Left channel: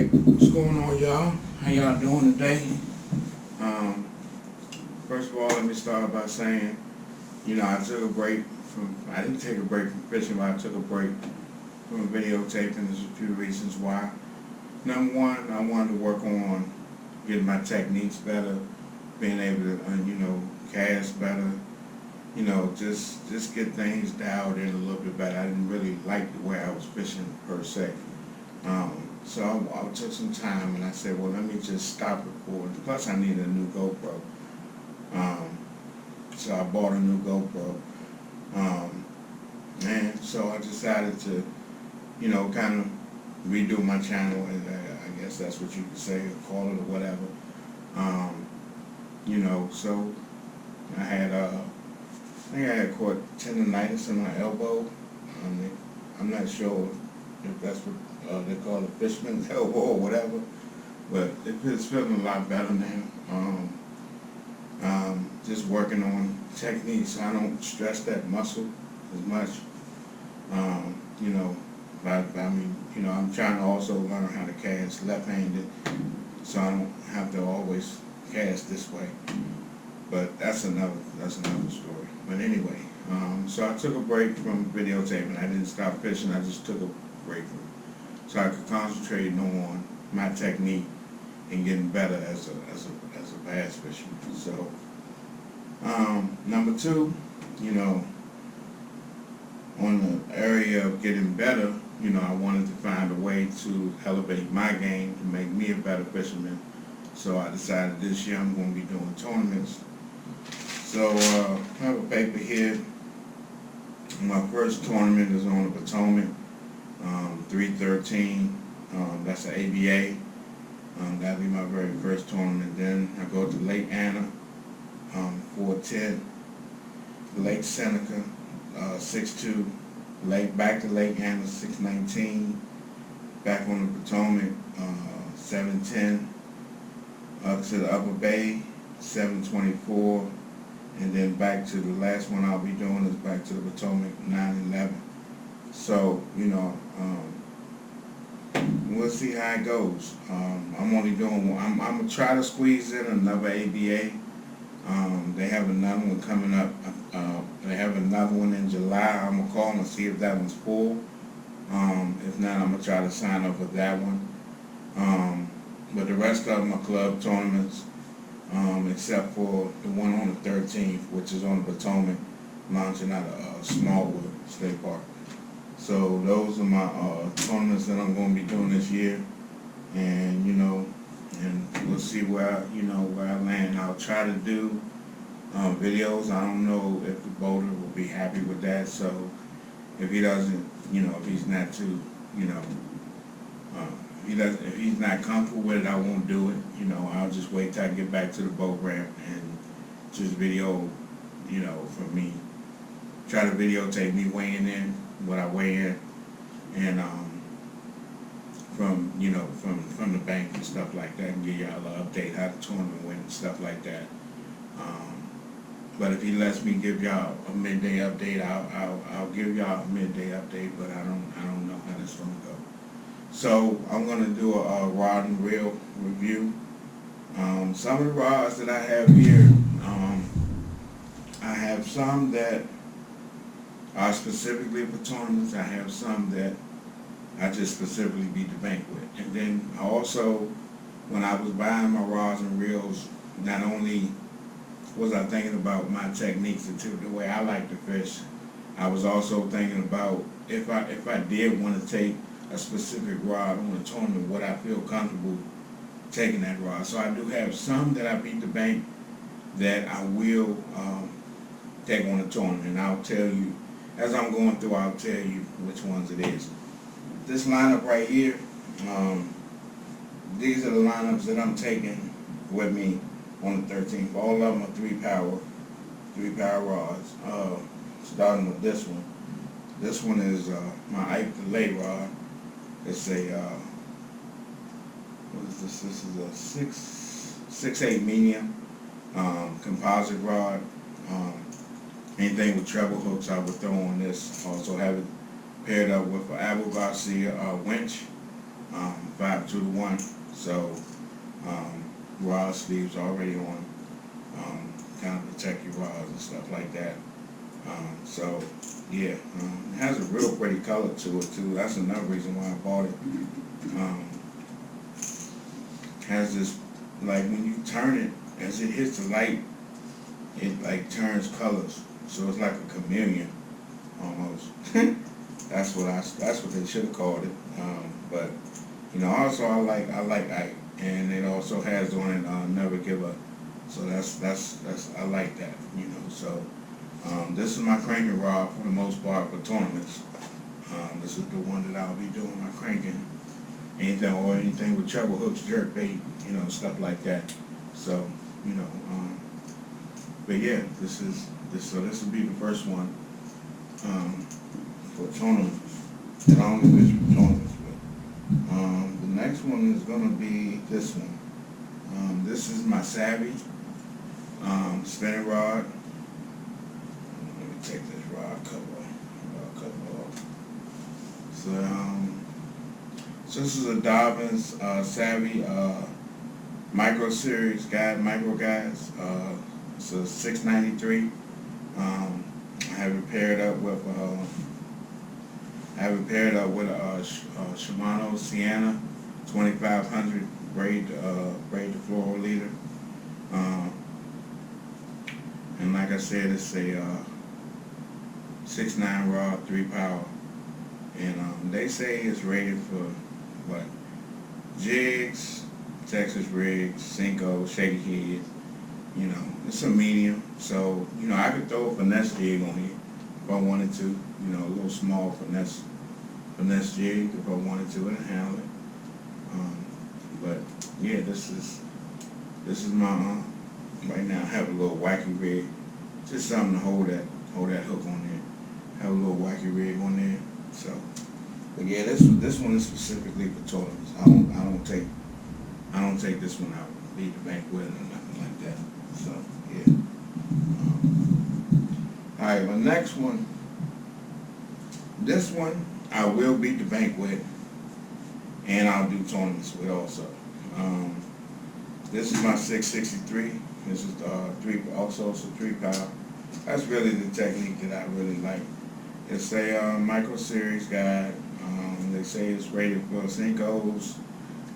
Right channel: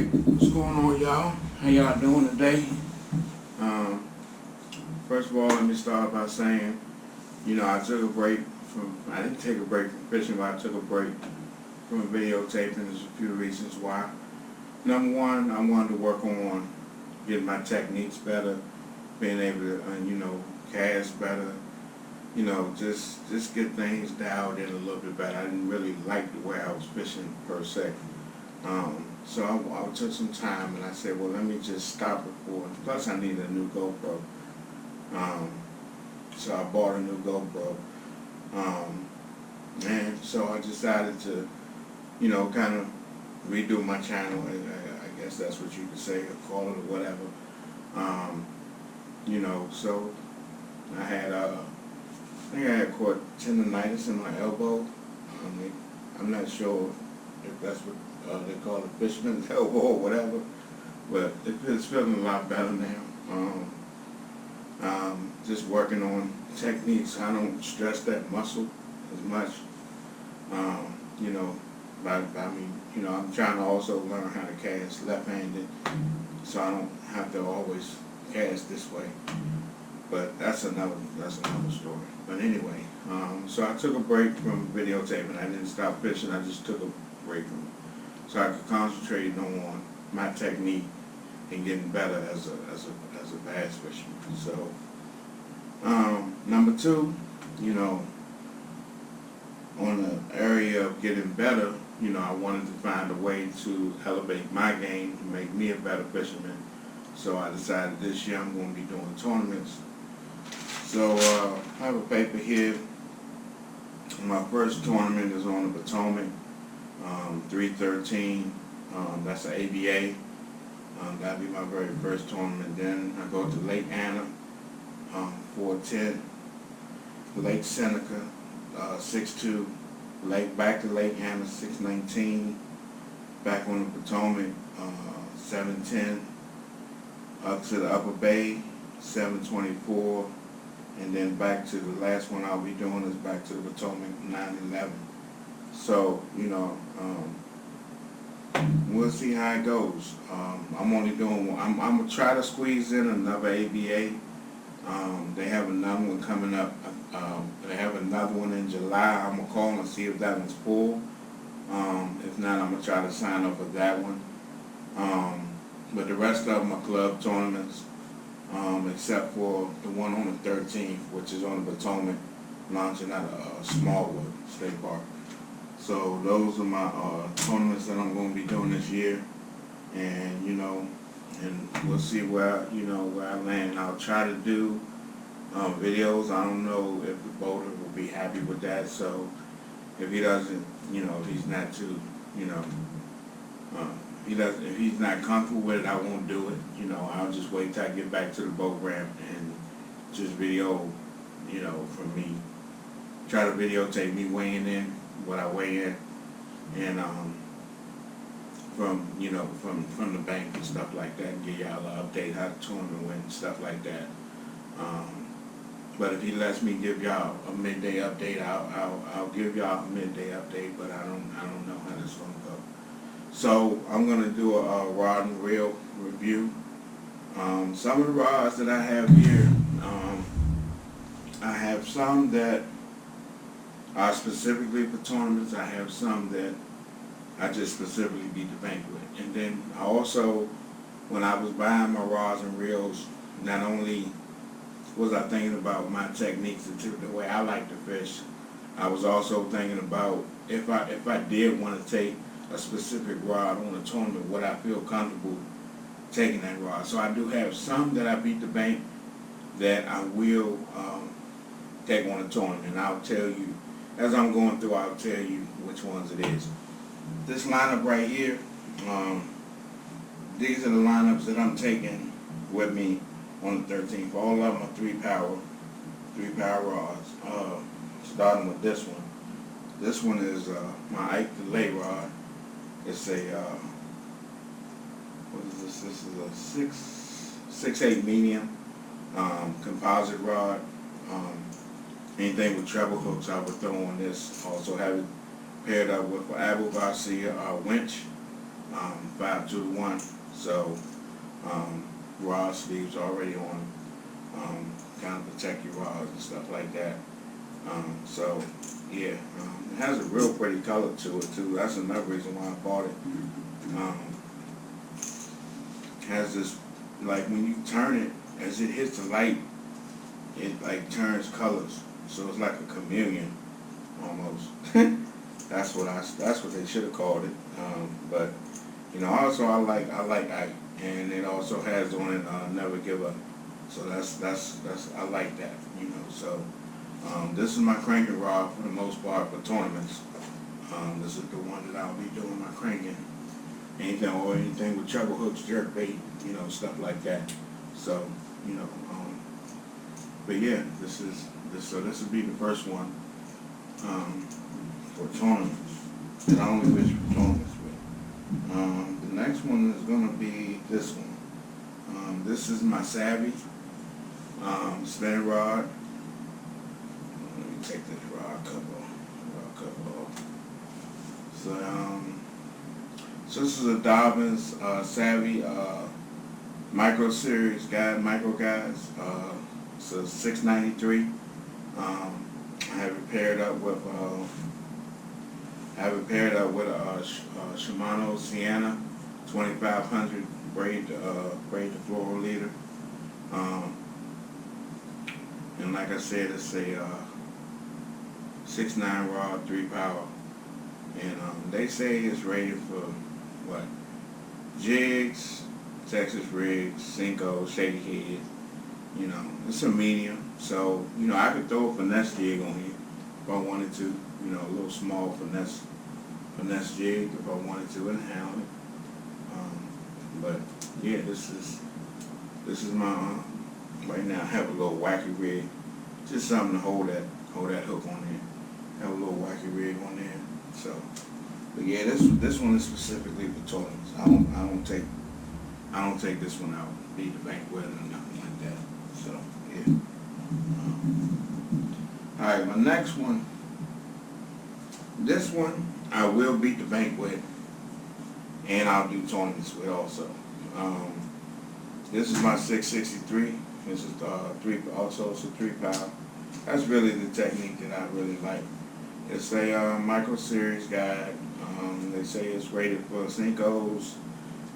Alright, what's going on, y'all? How y'all doing today? Um, First of all, let me start by saying, I took a break I didn't take a break from fishing, but I took a break from videotaping. There's a few reasons why. Number one, I wanted to work on getting my techniques better, being able to, cast better, just get things dialed in a little bit better. I didn't really like the way I was fishing per se. So I took some time and I said, well, let me just stop recording. Plus, I needed a new GoPro. So I bought a new GoPro. And so I decided to, kind of redo my channel. I guess that's what you could say, or call it, or whatever. So I had, I think I had caught tendonitis in my elbow. I'm not sure if that's what they call a fisherman's elbow or whatever, but it's feeling a lot better now. Just working on techniques. I don't stress that muscle as much. I'm trying to also learn how to cast left-handed, so I don't have to always cast this way. But that's another story. But anyway, so I took a break from videotaping. I didn't stop fishing. I just took a break from it, so I could concentrate on my technique and getting better as a bass fisherman. So number two, on the area of getting better, I wanted to find a way to elevate my game to make me a better fisherman. So I decided this year I'm going to be doing tournaments. So I have a paper here. My first tournament is on the Potomac, 313. That's an ABA. That'll be my very first tournament. Then I go to Lake Anna, 410. Lake Seneca, 6'2". Back to Lake Anna, 6'19". Back on the Potomac, 7'10". Up to the Upper Bay, 7'24". And then back to the last one I'll be doing is back to the Potomac, 9'11". So, we'll see how it goes. I'm only doing one. I'm going to try to squeeze in another ABA. They have another one coming up. They have another one in July. I'm going to call and see if that one's full. If not, I'm going to try to sign up for that one. But the rest of them are club tournaments, except for the one on the 13th, which is on the Potomac, launching out of Smallwood State Park. So those are my tournaments that I'm going to be doing this year, and and we'll see where I land. I'll try to do videos. I don't know if the boater will be happy with that. So if he doesn't, if he's not too, if he's not comfortable with it, I won't do it. I'll just wait till I get back to the boat ramp and just video, from me. Try to videotape me weighing in, what I weigh in, and from the bank and stuff like that, and give y'all an update how the tournament went and stuff like that. But if he lets me give y'all a midday update, I'll give y'all a midday update. But I don't know how this gonna go. So I'm gonna do a rod and reel review. Some of the rods that I have here, I have some that are specifically for tournaments. I have some that I just specifically beat the bank with. And then also, when I was buying my rods and reels, not only was I thinking about my techniques, the way I like to fish, I was also thinking about if I did want to take a specific rod on a tournament, would I feel comfortable taking that rod? So I do have some that I beat the bank that I will take on a tournament. And I'll tell you, as I'm going through, I'll tell you which ones it is. This lineup right here, these are the lineups that I'm taking with me on the 13th. All of them are 3-power rods. Starting with this one. This one is my Ike Delay rod. It's a what is this? This is a 6'8" medium composite rod. Anything with treble hooks I would throw on this. Also have it paired up with an Abu Garcia winch. 5-2-1. So rod sleeves already on, kind of protect your rods and stuff like that. So yeah, it has a real pretty color to it too. That's another reason why I bought it. Has this, like when you turn it, as it hits the light, it like turns colors. So it's like a chameleon almost. That's what they should have called it. But also I like Ike, and it also has on it Never Give Up. So that's I like that. So this is my cranking rod for the most part for tournaments. This is the one that I'll be doing my cranking. Anything with treble hooks, jerk bait, stuff like that. So, but yeah, this will be the first one for tournaments that I only wish for tournaments with. The next one is gonna be this one. This is my Savvy spinning rod. Let me take this rod cover off. So this is a Dobyns Savvy Micro Series guide, micro guides. It's a 693. I have it paired up with a Shimano Sienna 2500 braid to floral leader. And like I said, it's a 6.9 rod, 3 power. And they say it's rated for what? Jigs, Texas rigs, Cinco, shaky heads. It's a medium. So, I could throw a finesse jig on here if I wanted to. A little small finesse jig if I wanted to, and handle it. But yeah, this is my right now I have a little wacky rig. Just something to hold that hook on there. Have a little wacky rig on there. So, but yeah, this one is specifically for tournaments. I don't take this one out, beat the bank with it or nothing like that. So yeah. All right, my next one. This one I will beat the bank with, and I'll do tournaments with also. This is my 663. This is also it's a 3 power. That's really the technique that I really like. It's a micro series guide. They say it's rated for Cincos,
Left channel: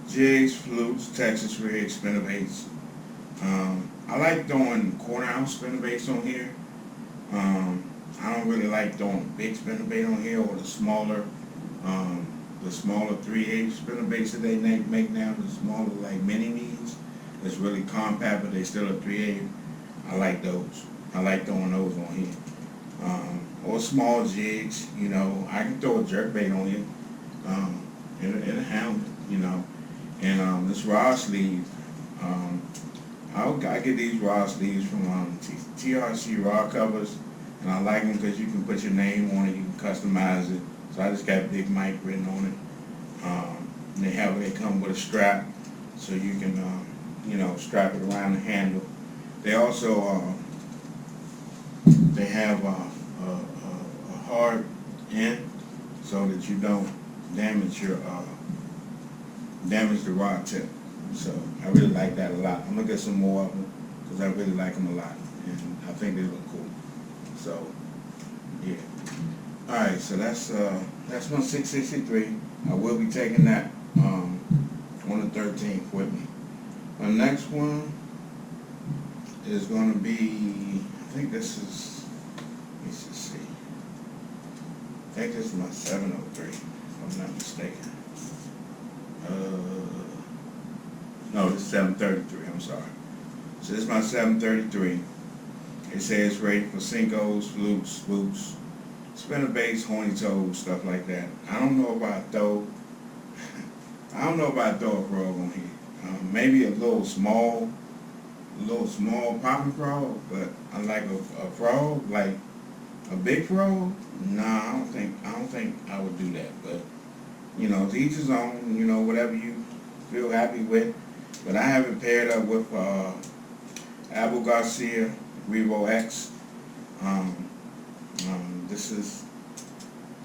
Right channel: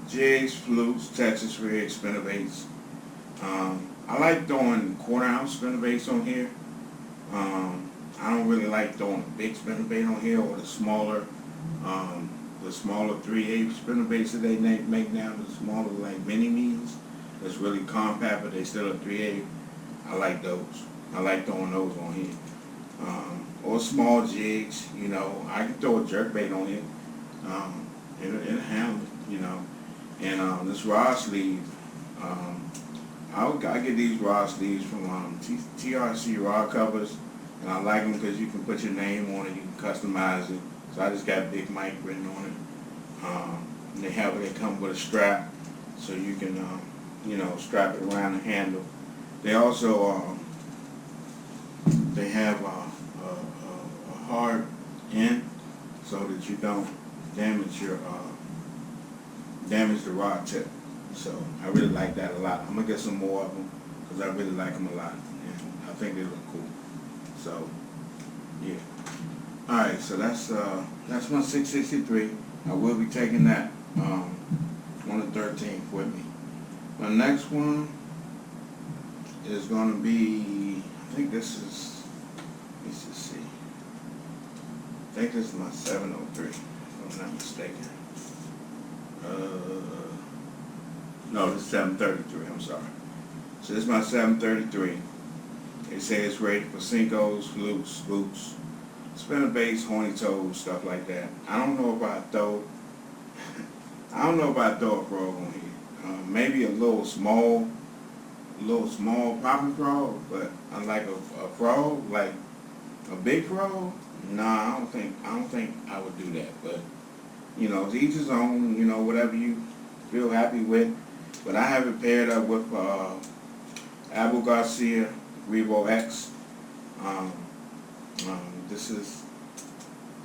jigs, flukes, Texas rigs, spinnerbaits. I like throwing 1/4 ounce spinnerbaits on here. I don't really like throwing big spinnerbait on here, or the smaller 3/8 spinnerbaits that they make now, the smaller like mini me's. That's really compact, but they still a 3/8. I like those. I like throwing those on here. Or small jigs, I can throw a jerkbait on here. It'll handle it, And this rod sleeve, I get these rod sleeves from TRC Rod Covers, and I like them because you can put your name on it, you can customize it. So I just got Big Mike written on it. And they come with a strap, so you can strap it around the handle. They also they have a hard end so that you don't damage the rod tip. So I really like that a lot. I'm gonna get some more of them because I really like them a lot, and I think they look cool. So yeah. All right, so that's my 663. I will be taking that on the 13th with me. My next one is going to be, I think this is, let me just see. I think this is my 703, if I'm not mistaken. No, this is 733, I'm sorry. So this is my 733. It says it's rated for Cincos, flukes, spooks, spinnerbaits, horny toes, stuff like that. I don't know if I throw a frog on here. Maybe a little small popping frog, but unlike a frog, like a big frog, nah, I don't think I would do that. But to each his own. Whatever you feel happy with. But I have it paired up with Abu Garcia Revo X. This is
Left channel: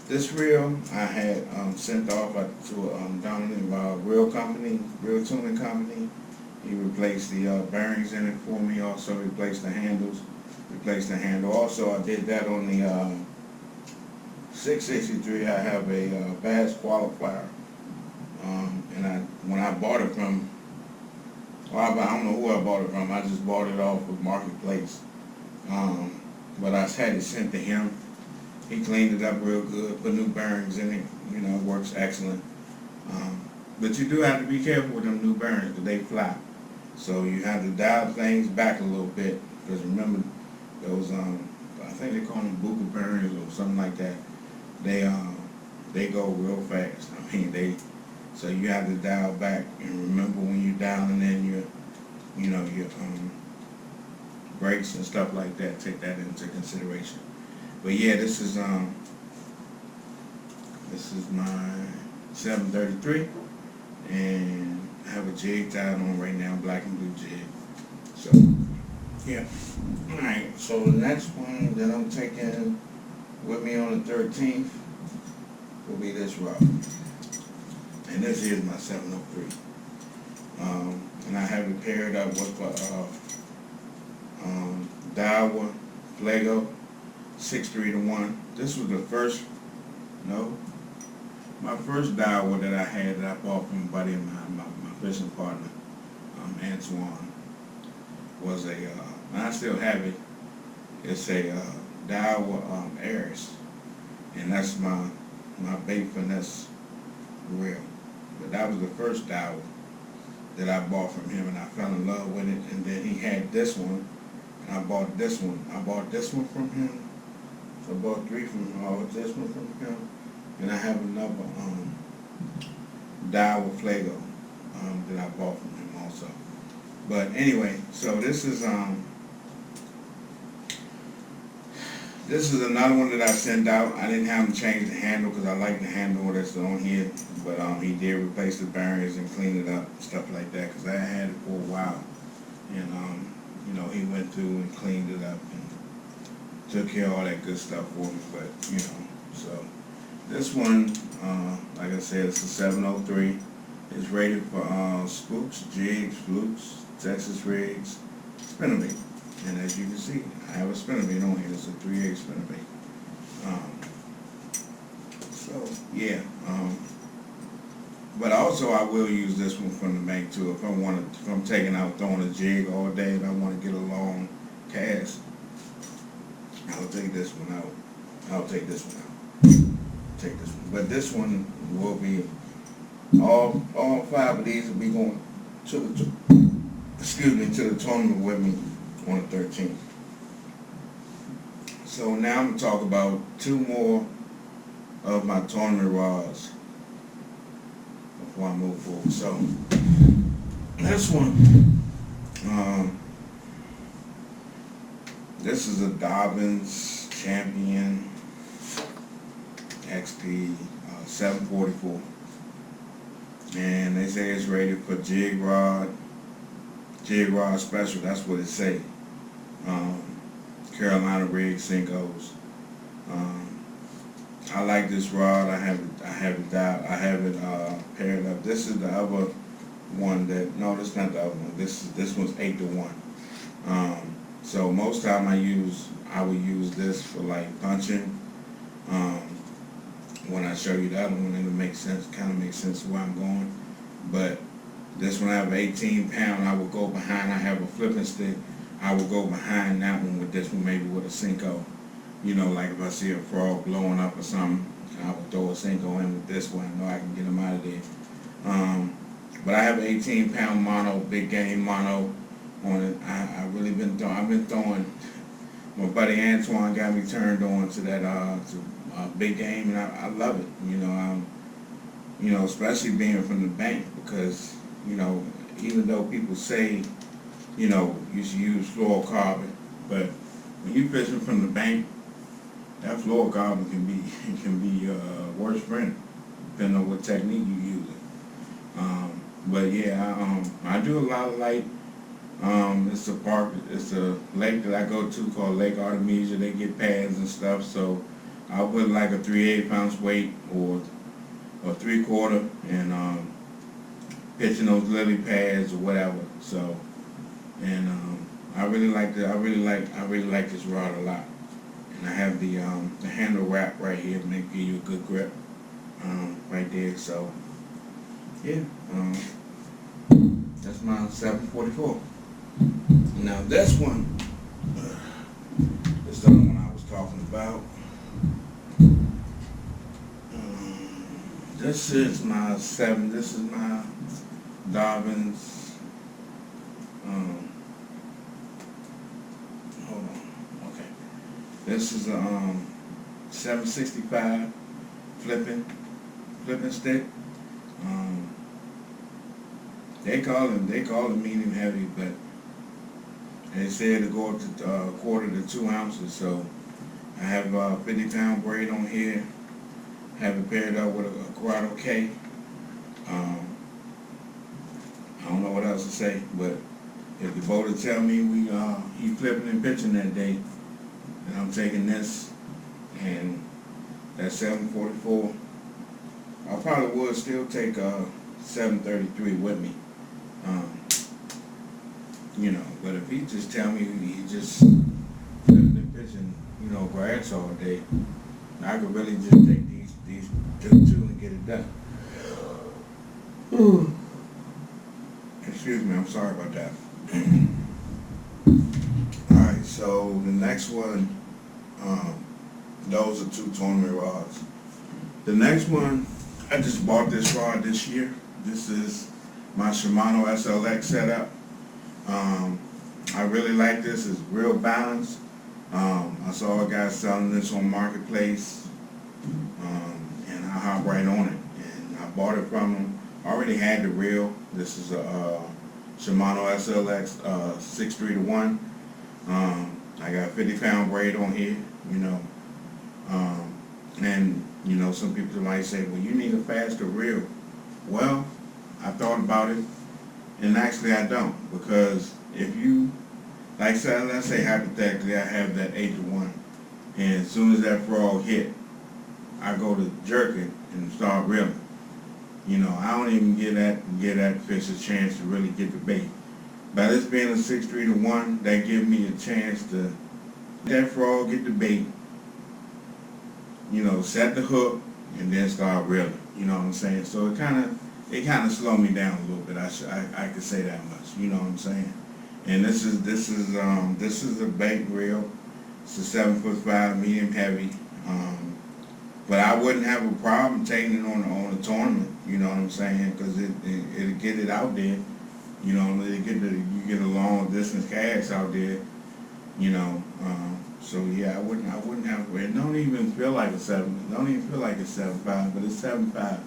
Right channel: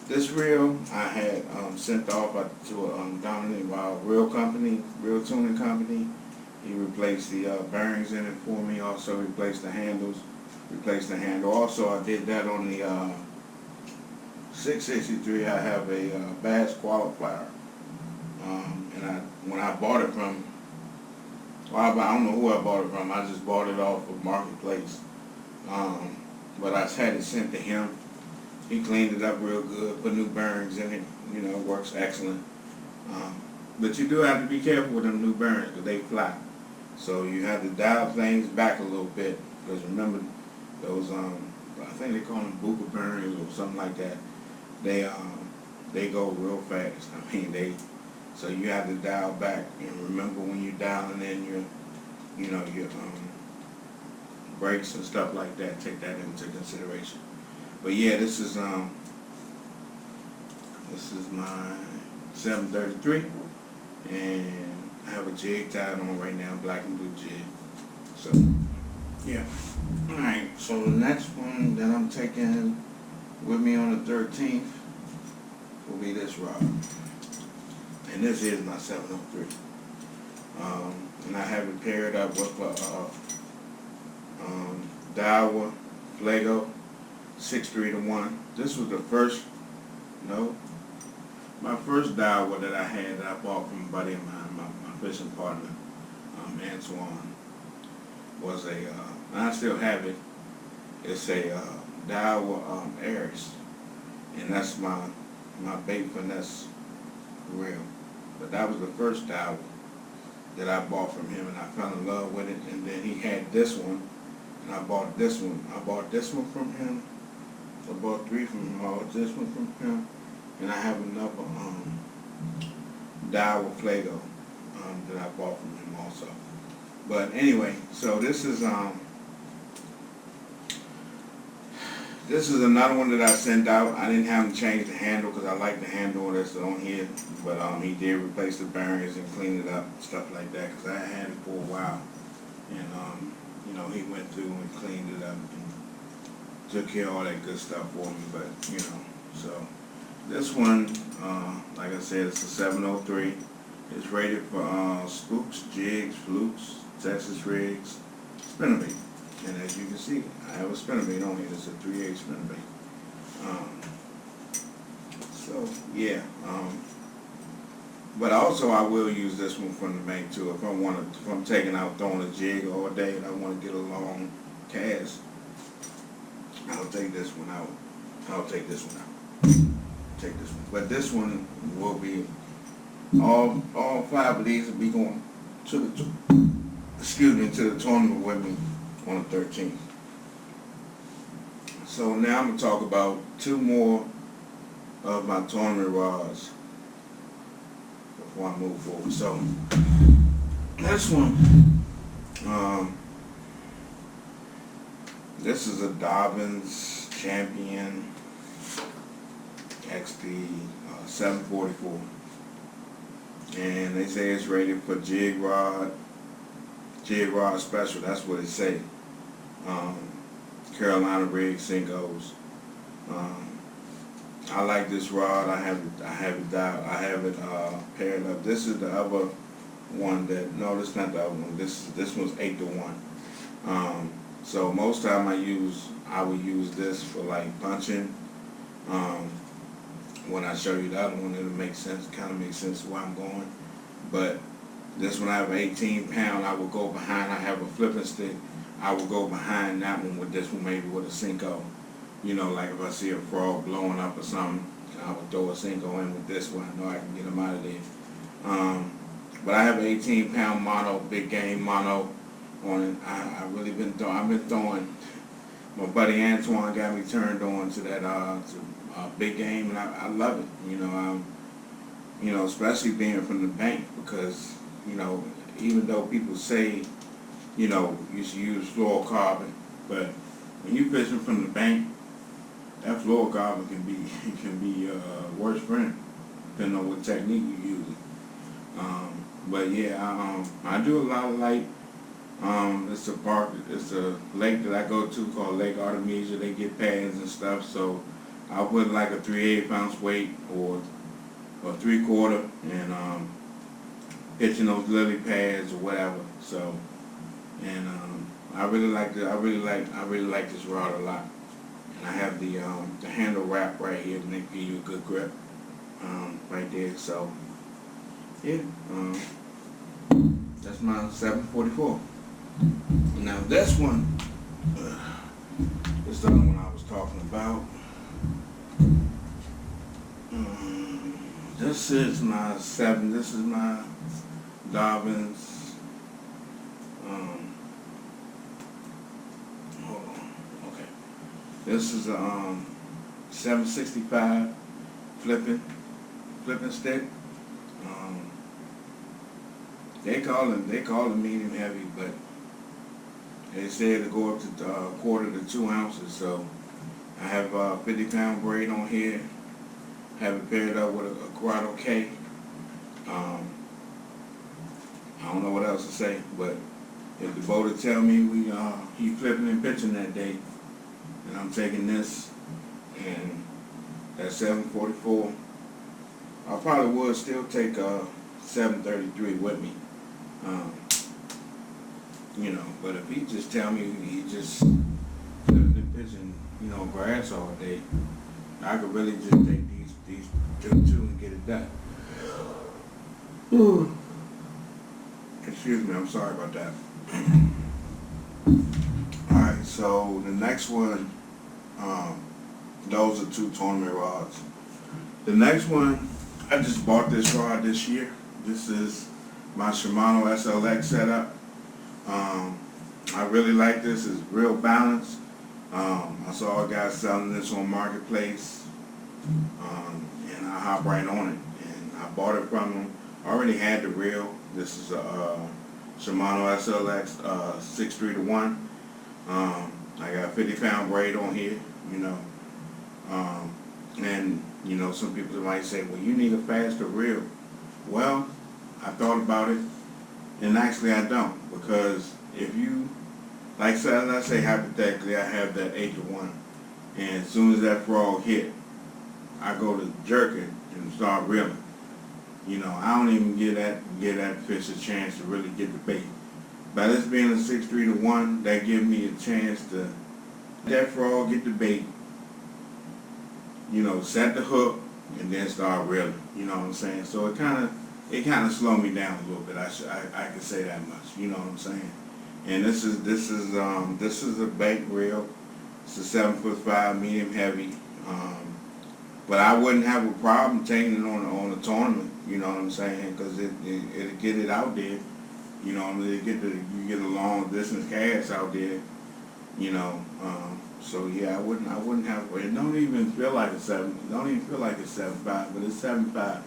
This reel I had sent off to a dominant reel company, reel tuning company. He replaced the bearings in it for me. Also replaced the handles. Replaced the handle. Also, I did that on the 663. I have a Bass qualifier, and when I bought it from, well, I don't know who I bought it from. I just bought it off of Marketplace. But I had it sent to him. He cleaned it up real good, put new bearings in it. You know, it works excellent. But you do have to be careful with them new bearings because they fly. So you have to dial things back a little bit. Because remember, those I think they call them Buka bearings or something like that. They go real fast. I mean so you have to dial back and remember when you're dialing in your brakes and stuff like that. Take that into consideration. But yeah, this is my 733, and I have a jig tied on right now, black and blue jig. So yeah. Alright, so the next one that I'm taking with me on the 13th will be this rod. And this is my 703. And I have it paired up with Daiwa Flago 6-3-1. This was my first Daiwa that I had that I bought from a buddy of mine, my fishing partner, Antoine, was and I still have it. It's a Daiwa Aries, and that's my bait finesse reel. But that was the first Daiwa that I bought from him, and I fell in love with it. And then he had this one, and I bought this one. I bought this one from him. So I bought three from him. I bought this one from him, and I have another Daiwa Flago that I bought from him also. But anyway, so this is another one that I sent out. I didn't have him change the handle because I like the handle that's on here. But he did replace the bearings and clean it up and stuff like that because I had it for a while. And he went through and cleaned it up and took care of all that good stuff for me. But so this one, like I said, it's a 703. It's rated for spooks, jigs, flukes, Texas rigs, spinnerbait. And as you can see, I have a spinnerbait on here. It's a 3/8 spinnerbait. So yeah. But also I will use this one from the bank too. If I'm taking out throwing a jig all day and I want to get a long cast, I'll take this one out. I'll take this one out. Take this one. But this one will be all 5 of these will be going to the tournament with me on the 13th. So now I'm gonna talk about 2 more of my tournament rods before I move forward. So this one, this is a Dobyns Champion XP 744, and they say it's rated for jig rod special. That's what it say. Carolina rig Senkos. I like this rod. I have it paired up. This is the other one this is not the other one. This one's 8-1. So most time I would use this for like punching. When I show you the other one, it'll make sense. Kind of makes sense where I'm going. But this one I have 18 pound. I will go behind. I have a flipping stick. I will go behind that one with this one, maybe with a Senko. Like if I see a frog blowing up or something, I would throw a Senko in with this one. I know I can get them out of there. But I have an 18 pound mono, big game mono on it. I've been throwing. My buddy Antoine got me turned on to that big game, and I love it. Especially being from the bank because even though people say you should use fluorocarbon, but when you're fishing from the bank, that fluorocarbon can be your worst friend, depending on what technique you use it. But yeah, I do a lot of light. It's a lake that I go to called Lake Artemisia. They get pads and stuff, so I'll put like a 3/8 ounce weight or 3/4 and pitching those lily pads or whatever. So, and I really like this rod a lot. And I have the handle wrap right here to give you a good grip right there. So yeah, that's my 744. Now this one, this is the other one I was talking about. This is my This is my Dobyns. Hold on. Okay. This is a 765 flipping stick. They call it medium heavy, but they said to go up to 1/4 to 2 ounces. So I have a 50-pound braid on here. Have it paired up with a Corrado K. I don't know what else to say, but if the boater tell me he flipping and pitching that day, then I'm taking this and that 744. I probably would still take 733 with me, But if he just tell me he just flipping and pitching, grass all day, I could really just take these two and get it done. Ooh. Excuse me, I'm sorry about that. Alright, so the next one, those are 2 tournament rods. The next one, I just bought this rod this year. This is my Shimano SLX setup. I really like this. It's real balanced. I saw a guy selling this on Marketplace, and I hopped right on it. And I bought it from him. I already had the reel. This is a Shimano SLX 6-3-1. I got a 50-pound braid on here, and some people might say, well, you need a faster reel. Well, I thought about it, and actually I don't, because if you, let's say hypothetically, I have that 8-1, and as soon as that frog hit, I go to jerk it and start reeling. I don't even give that fish a chance to really get the bait. By this being a 6-3-1, that gives me a chance to let that frog get the bait, set the hook, and then start reeling. You know what I'm saying? So it kind of slowed me down a little bit. I could say that much. You know what I'm saying? And this is a bank reel. It's a 7'5" medium heavy. But I wouldn't have a problem taking it on a tournament. You know what I'm saying? Because it'll get it out there. You get a long distance cast out there. So yeah, I wouldn't have. It don't even feel like a 7. It don't even feel like it's 7.5, but it's 7.5.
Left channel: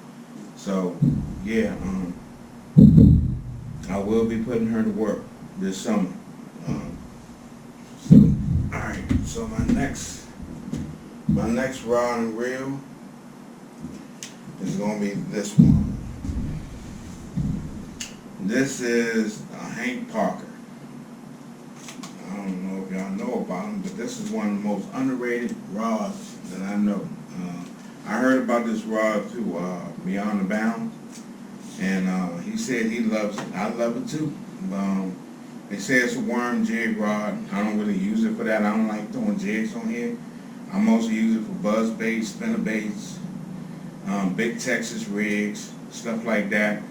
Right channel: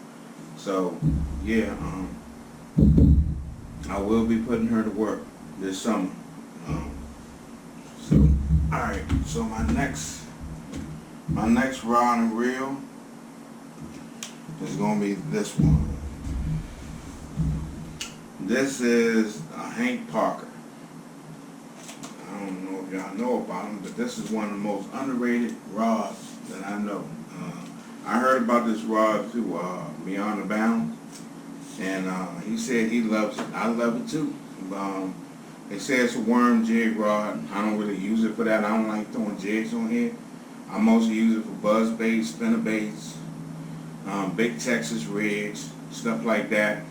So yeah, I will be putting her to work this summer. So all right. So my next rod and reel is gonna be this one. This is a Hank Parker. I don't know if y'all know about him, but this is one of the most underrated rods that I know. I heard about this rod through Beyond the Bounds, and he said he loves it. I love it too. They say it's a worm jig rod. I don't really use it for that. I don't like throwing jigs on here. I mostly use it for buzz baits, spinner baits, big Texas rigs, stuff like that.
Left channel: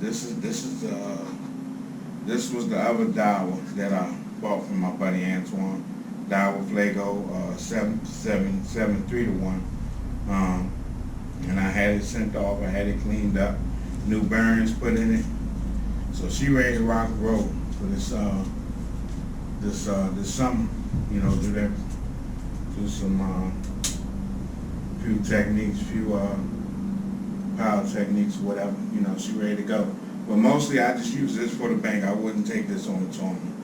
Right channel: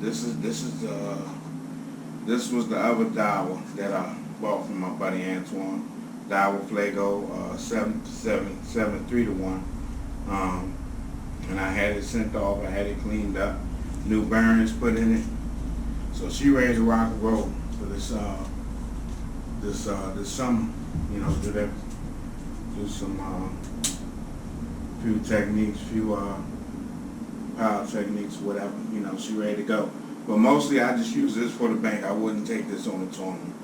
This was the other dowel that I bought from my buddy Antoine. Dowel Flago 7-3-1. And I had it sent off. I had it cleaned up. New bearings put in it. So she ready to rock and roll for this summer. Do some few techniques, power techniques, whatever. She ready to go. But mostly I just use this for the bank. I wouldn't take this on a tournament.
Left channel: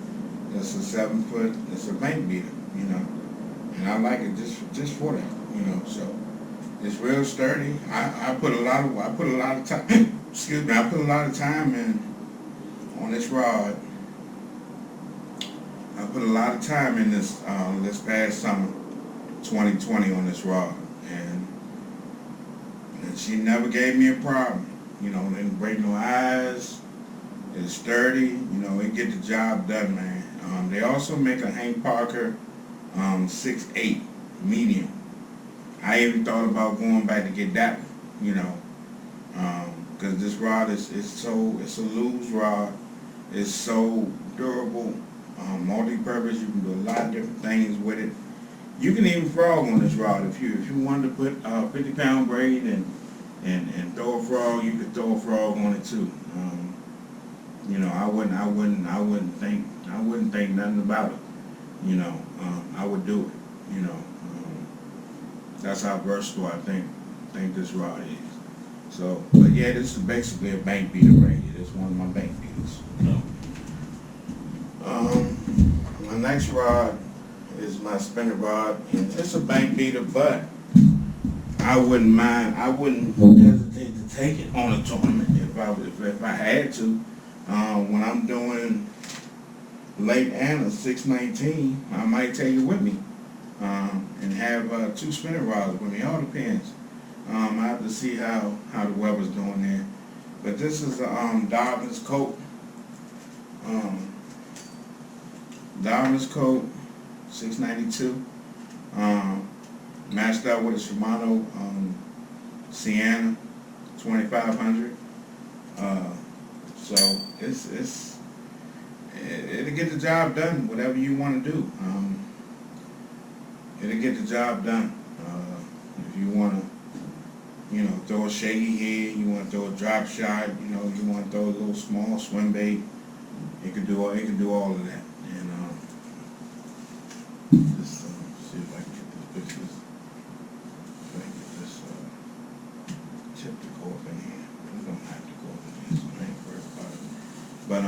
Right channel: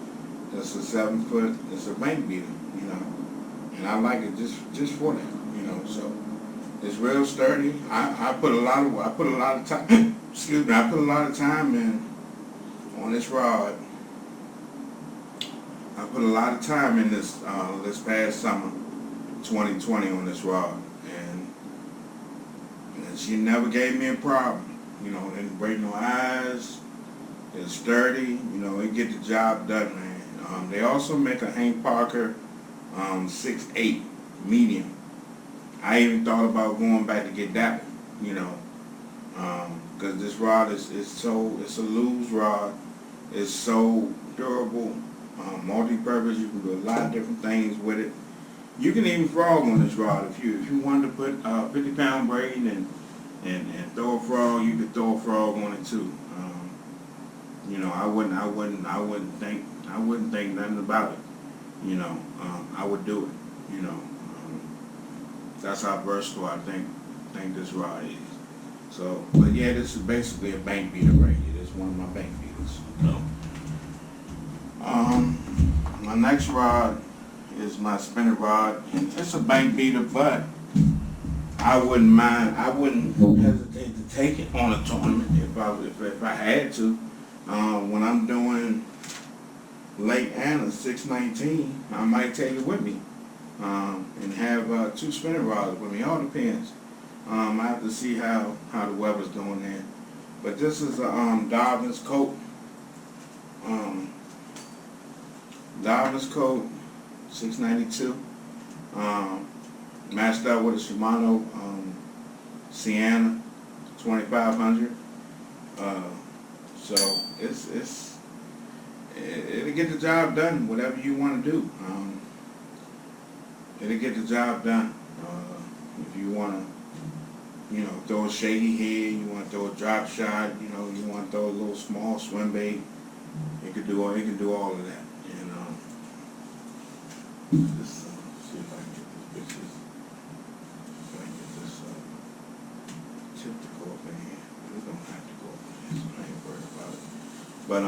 It's a 7 foot. It's a bank beater, and I like it just for that, So it's real sturdy. I put a lot of time. Excuse me. I put a lot of time in on this rod. I put a lot of time in this past summer 2020 on this rod, and she never gave me a problem. You know, didn't break no eyes. It's sturdy. You know, it get the job done, man. They also make a Hank Parker 6.8 medium. I even thought about going back to get that one. You know, because this rod it's a loose rod. It's so durable, multi-purpose. You can do a lot of different things with it. You can even frog on this rod if you wanted to put 50-pound braid and throw a frog. You could throw a frog on it too. You know, I wouldn't think nothing about it. You know, I would do it. You know, that's how versatile I think this rod is. So, but yeah, this is basically a bank beater right here. This is one of my bank beaters. You know. My next rod is my spinning rod, and it's a bank beater, but I wouldn't hesitate to take it on a tournament if I had to. When I'm doing Lake Anna 619, I might take it with me and have 2 spinning rods with me. All depends. I have to see how the weather's doing there. But this is a Darvin's Coat. Darvin's Coat 692. Matched up with a Shimano Sienna 2500. So it'll get the job done, whatever you want to do. It'll get the job done. If you want to, you know, throw a shady head, you want to throw a drop shot, you know, you want to throw a little small swim bait, it can do all of that. And just see if I can get this pictures. If I can get this tip to go up in here. But it don't have to go up in here, so I ain't worried about it. But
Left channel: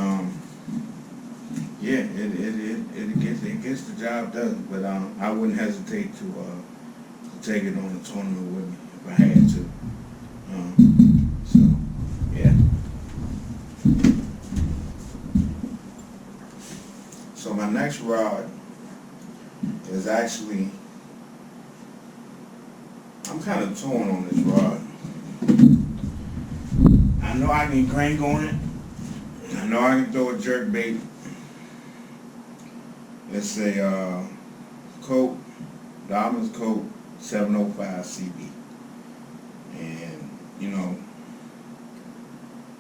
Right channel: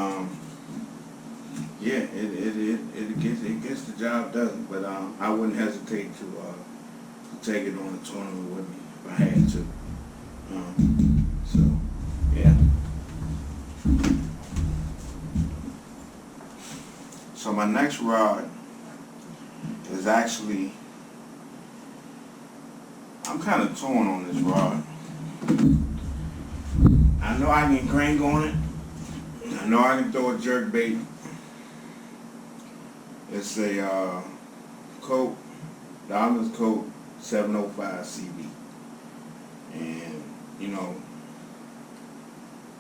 yeah, it gets the job done. But I wouldn't hesitate to take it on a tournament with me if I had to. So yeah. So my next rod is actually, I'm kind of torn on this rod. I know I can crank on it. I know I can throw a jerk bait. It's a Coat, Darvin's Coat 705 CB. And, you know,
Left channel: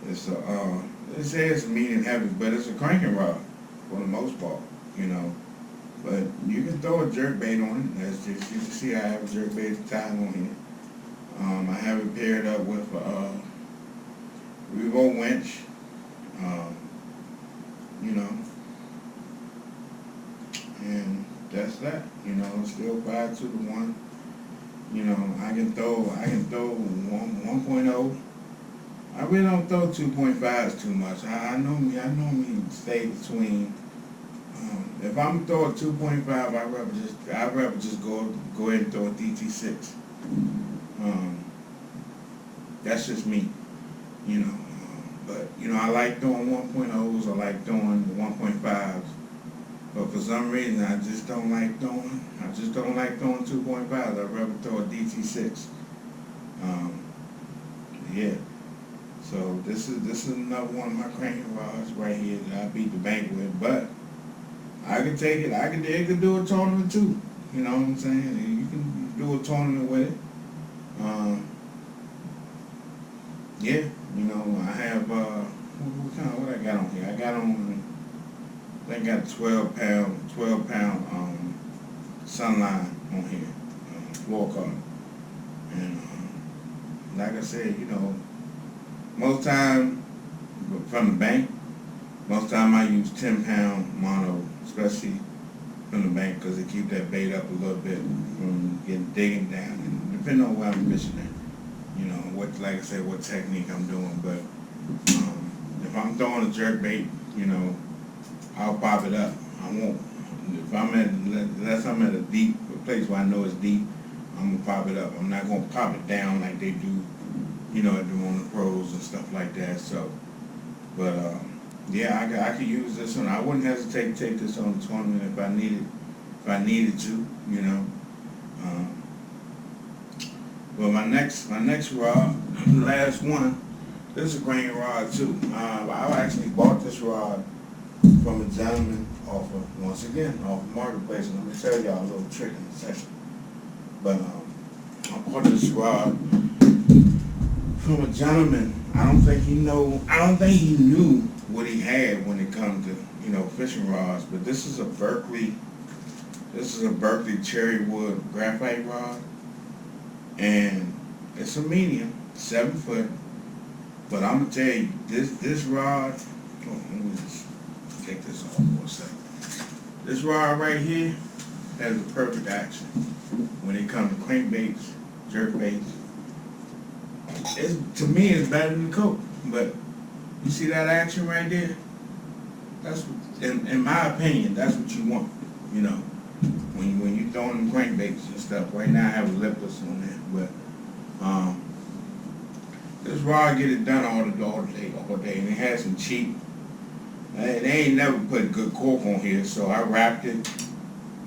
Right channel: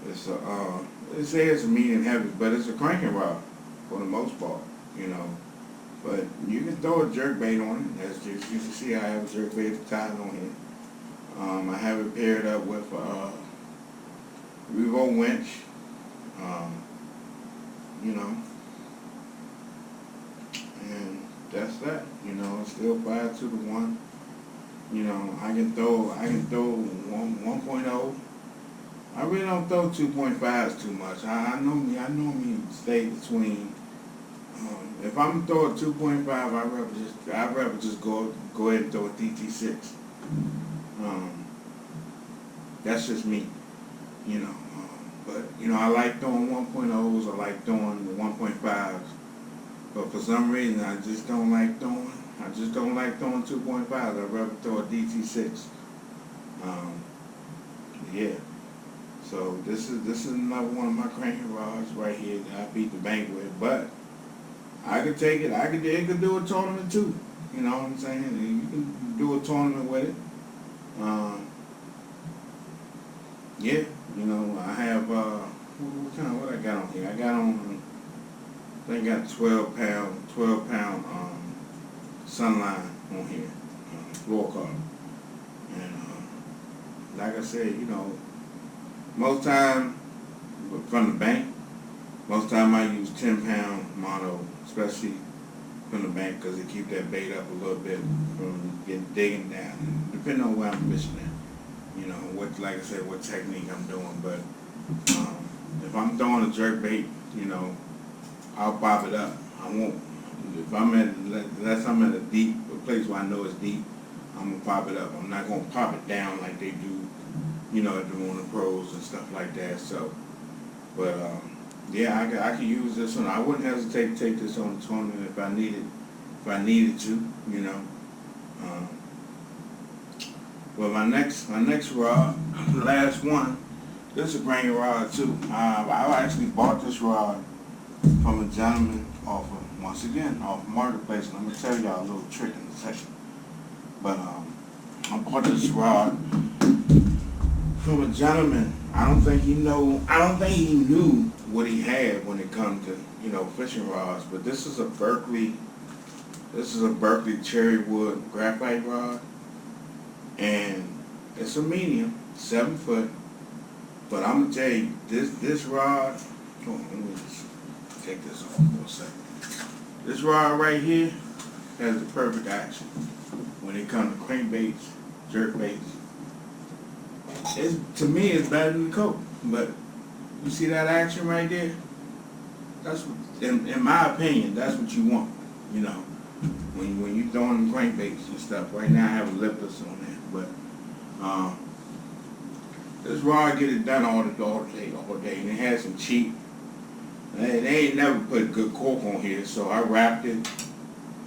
it says a medium heavy, but it's a cranking rod for the most part, you know. But you can throw a jerk bait on it. As you can see, I have a jerk bait tied on here. I have it paired up with a Revo winch, you know, and that's that. You know, still 5-to-1. You know, I can throw 1.0. I really don't throw 2.5s too much. I normally stay between. If I'm throwing 2.5, I'd rather just go ahead and throw a DT6. That's just me, you know. But you know, I like throwing 1.0s. I like throwing the 1.5s. But for some reason, I just don't like throwing 2.5s. I'd rather throw a DT6. Yeah. So this is another one of my cranking rods right here that I beat the bank with. But I could take it. It could do a tournament too. You know what I'm saying? You can do a tournament with it. Yeah. You know, I have what I got on here? I got on. I think I got a 12 pound Sunline on here, floor carb. And like I said, you know, most time from the bank, most time I use 10-pound mono, especially from the bank, because it keeps that bait up a little bit from digging down, and depending on where I'm fishing at, you know, like I said, what technique I'm doing. But if I'm throwing a jerk bait, you know, I'll pop it up. I won't. Unless I'm at a place where I know it's deep, I'm gonna pop it up. I'm not gonna pop it down like they do, you know, on the pros and stuff like that. So, but yeah, I could use this one. I wouldn't hesitate to take this on the tournament if I needed to, you know. Um, well, my next rod, the last one, this is a grain rod too. I actually bought this rod from a gentleman once again, off of Marketplace, and I'm gonna tell y'all a little trick in the session. But I bought this rod from a gentleman. I don't think he knew what he had when it comes to, fishing rods. But this is a Berkeley cherry wood graphite rod, and it's a medium, 7 foot. But I'm gonna tell you, this rod. Hold on, let me just take this off for a second. This rod right here has the perfect action when it comes to crankbaits, jerkbaits. To me, it's better than the Coke. But you see that action right there? That's what, in my opinion, that's what you want. When you throwing them crankbaits and stuff. Right now, I have a lipless on there, but this rod get it done all day, and it has some cheap. They ain't never put good cork on here, so I wrapped it.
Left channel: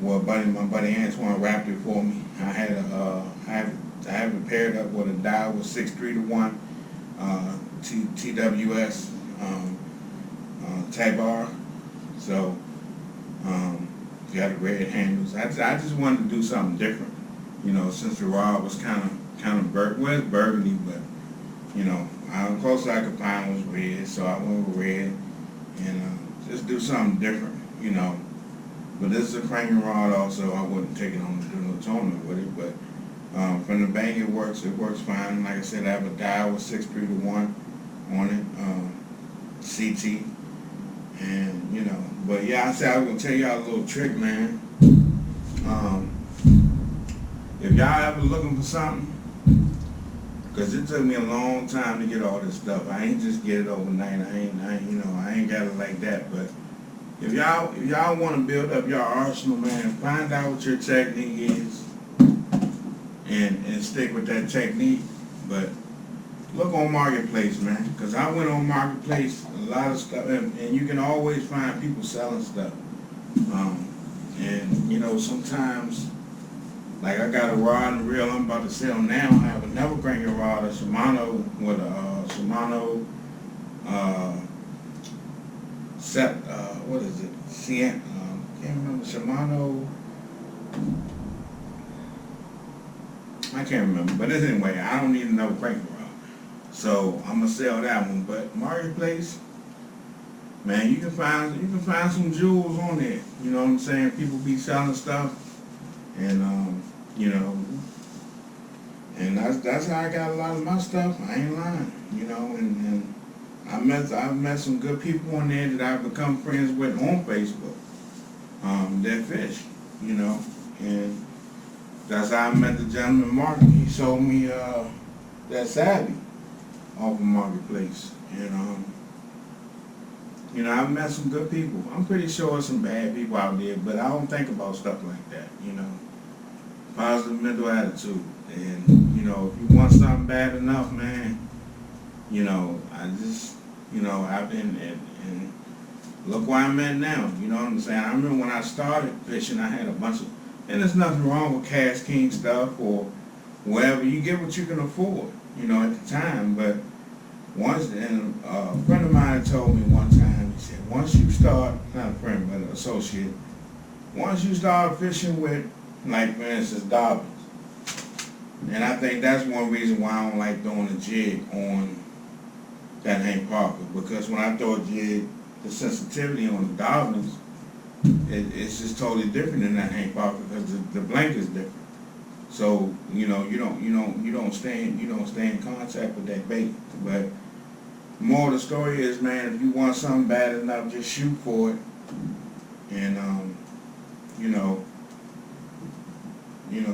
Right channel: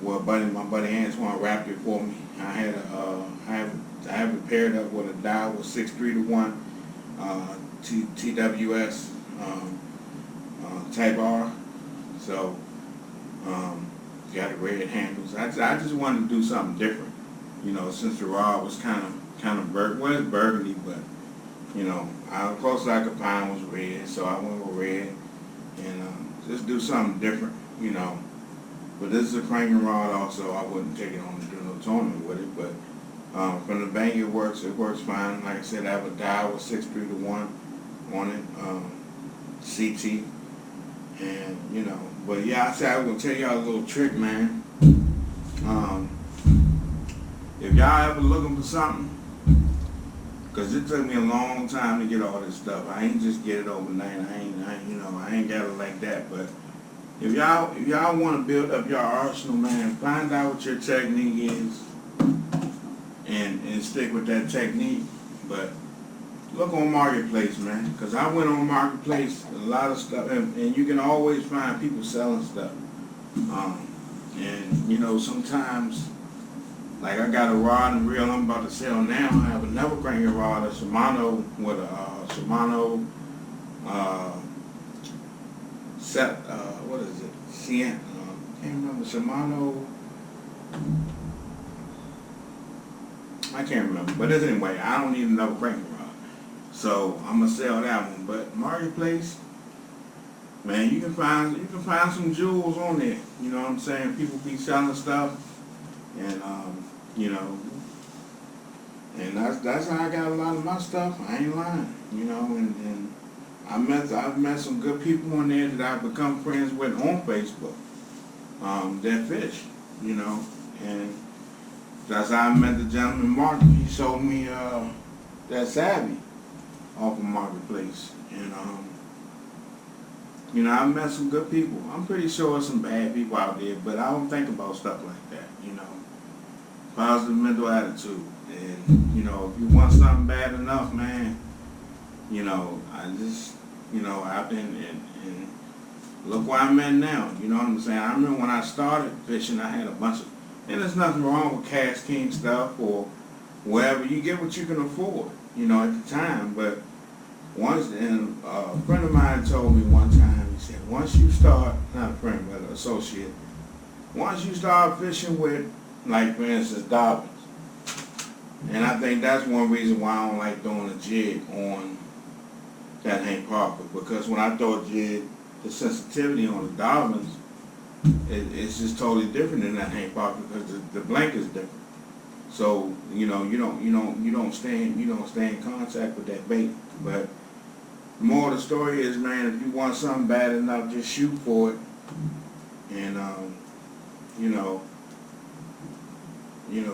Well, my buddy Antoine wrapped it for me. I have it paired up with a Daiwa 6-3-1 TWS Tabar. So got the red handles. I just wanted to do something different, since the rod was kind of it's burgundy, but how close I could find was red, so I went with red and just do something different, But this is a cranking rod also. I wouldn't take it on to do no tournament with it, but from the bank it works fine. Like I said, I have a Daiwa 6-3-1 on it, CT, and but yeah, I said I was gonna tell y'all a little trick, man. If y'all ever looking for something, because it took me a long time to get all this stuff. I ain't just get it overnight. I ain't got it like that. But if y'all want to build up your arsenal, man, find out what your technique is, and stick with that technique. But look on Marketplace, man, because I went on Marketplace, a lot of stuff, and you can always find people selling stuff. And sometimes, like I got a rod and reel I'm about to sell now. I have another cranking rod, a Shimano with a Shimano set. What is it? Can't remember. Shimano. I can't remember. But anyway, I don't need another cranking rod, so I'm gonna sell that one. But Marketplace, man, you can find some jewels on there. You know what I'm saying? People be selling stuff, and and that's how I got a lot of my stuff. I ain't lying, and I've met some good people on there that I've become friends with on Facebook. That fish, and that's how I met the gentleman Mark. He sold me that Savvy off of Marketplace, and I've met some good people. I'm pretty sure there's some bad people out there, but I don't think about stuff like that, Positive mental attitude. And, if you want something bad enough, man, I just, I've been, and look where I'm at now, you know what I'm saying? I remember when I started fishing, I had a bunch of, and there's nothing wrong with Cash King stuff or wherever. You get what you can afford, at the time. But once, and a friend of mine told me one time, he said, once you start, not a friend, but an associate, once you start fishing with, like for instance, Dobbins, and I think that's one reason why I don't like throwing a jig on that Hank Parker, because when I throw a jig, the sensitivity on the Dobbins, it's just totally different than that Hank Parker, because the blank is different. So you don't stay in contact with that bait. But the moral of the story is, man, if you want something bad enough, just shoot for it, and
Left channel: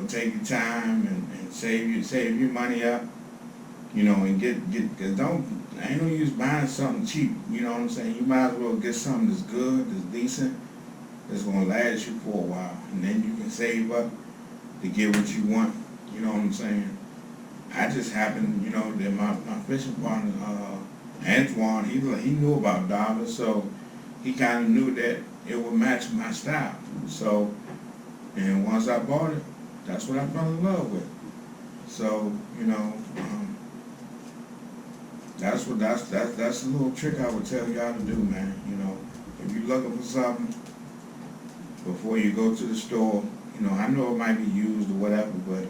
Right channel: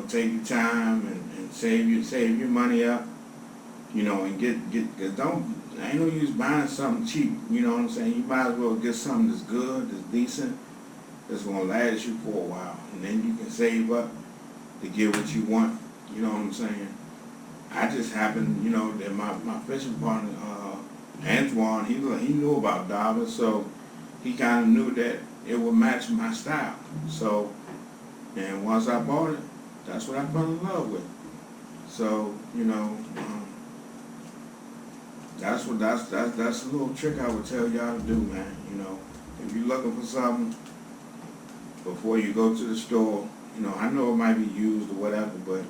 take your time and save your money up, and get I ain't no use buying something cheap, you know what I'm saying? You might as well get something that's good, that's decent, that's gonna last you for a while, and then you can save up to get what you want, you know what I'm saying? I just happened, that my fishing partner, Antoine, he knew about Dobbins, so he kind of knew that it would match my style. So, and once I bought it, that's what I fell in love with. So, that's a little trick I would tell y'all to do, man. If you're looking for something before you go to the store, I know it might be used or whatever, but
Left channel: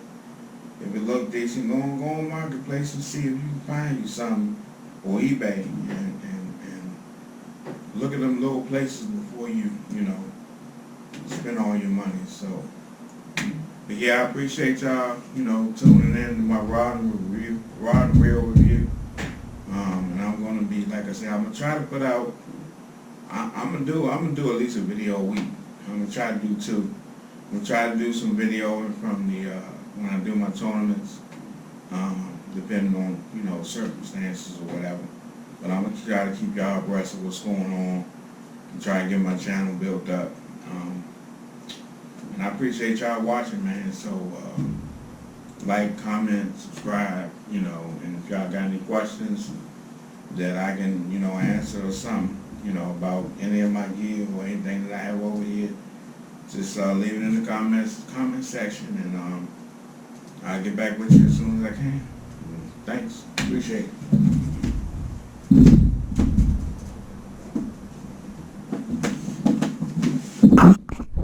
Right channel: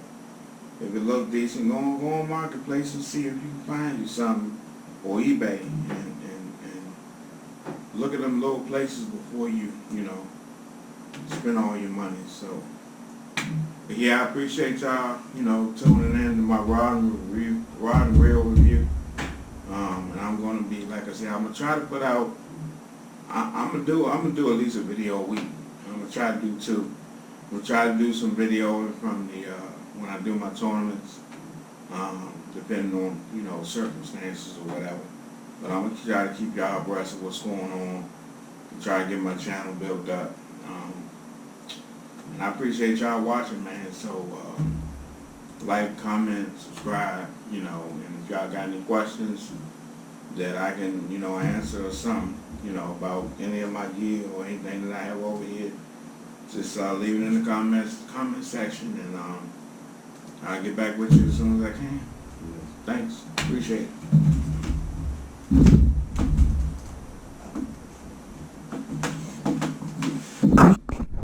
if it look decent, go on Marketplace and see if you can find you something, or eBay, and look at them little places before you spend all your money. So, but yeah, I appreciate y'all, tuning in to my Rod and Reel review. And I'm gonna be, like I said, I'm gonna try to put out. I'm gonna do at least a video a week. I'm gonna try to do 2. I'm gonna try to do some video from the when I do my tournaments, depending on circumstances or whatever. But I'm gonna try to keep y'all abreast of what's going on and try to get my channel built up. And I appreciate y'all watching, man. So like, comment, subscribe, and if y'all got any questions that I can, answer or something, about any of my gear or anything that I have over here, just leave it in the comment section, and I'll get back with you as soon as I can. Thanks. Appreciate it.